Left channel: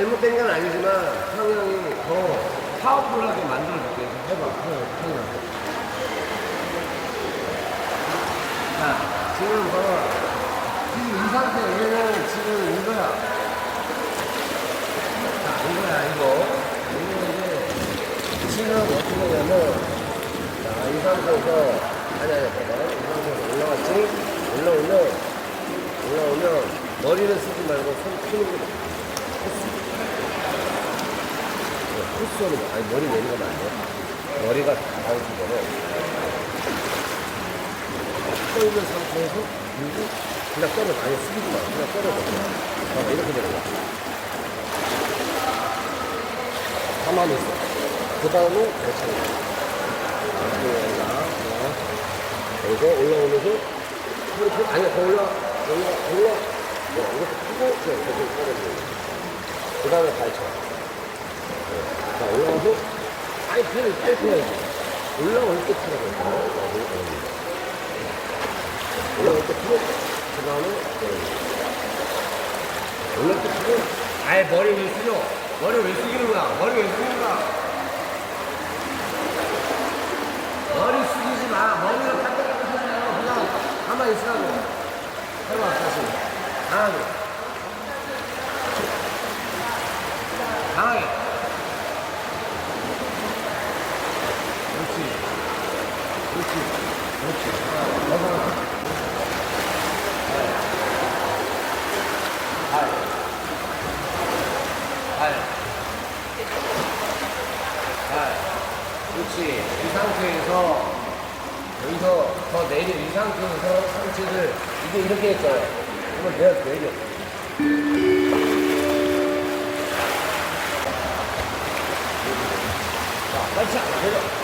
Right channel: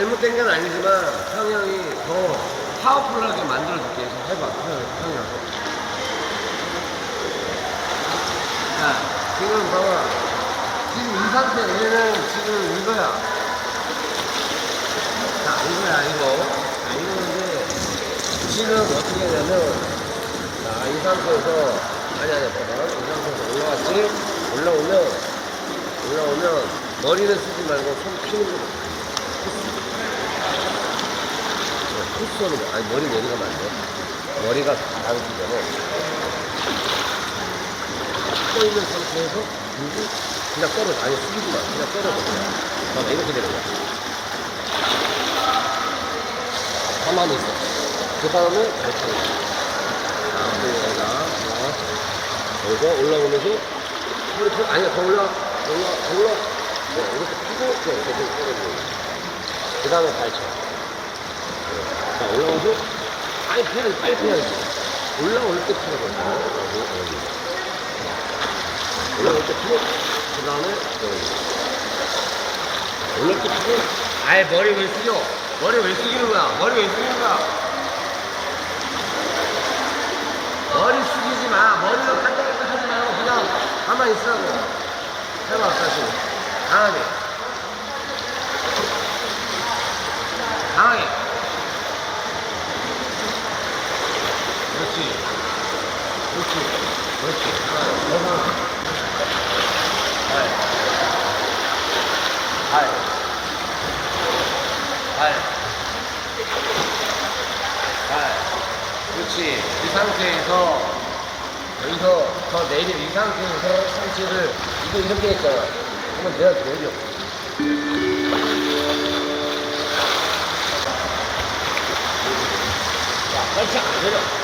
잘못된 건 아니지만 형형이 더 파워풀하게 만들어줄게. 해봐. 형형한테. 자, 지금 봐봐. 지금 이 상태, 얘는 지금 이거야. 자, 이거야, 이거. 자, 이거인데, 지금 어떻게 하냐면, 자, 이 상태에서, 아니, 아니, 봐봐. 이 상태에서 올라왔지? 올라오면, 올라오면, 머리를 쓰지 말고 손 피는 거. 코스로, 아니, 머리 내리가면 안 돼. 머리가 다 나오기 전에, 서 있는 상태에서, 그리고 그냥 떨어져. 아니, 숙이지 마. 그냥 떨어져. 그냥. 봐봐, 이렇게 되는 거야. 가만히 있어. 그 다음에 거야. 자. 자, 여기서 올라오면서, 이렇게, 아니야, 더 올라, 올라, 올라. 네, 이렇게 펴고, 네, 좀 떨어지는 거야. 그 다음에 발 쳐. 네. 자, 올라와서, 아니, 배를 빨리 펴야지. 올라올 때 펴라고 했잖아. 여기, 여기. 올라올 때 펴고, 그 다음에. 올라올 때 펴고, 아예 머리 왜 숙여? 머리 왜 숙이는 거야? 머리 왜 숙이는 거야? 머리 숙이지 마. 머리를 반짝반짝 하지 말고 그냥 가만히 있으라고. 해봐, 다시. 강하게. 그렇지. 그렇지. 그렇지. 이 상태에서 여기서 더 내려 이 상태에서 상체를 이거 이렇게 했잖아. 그러면 내가 내려. 자, 밀고 내려.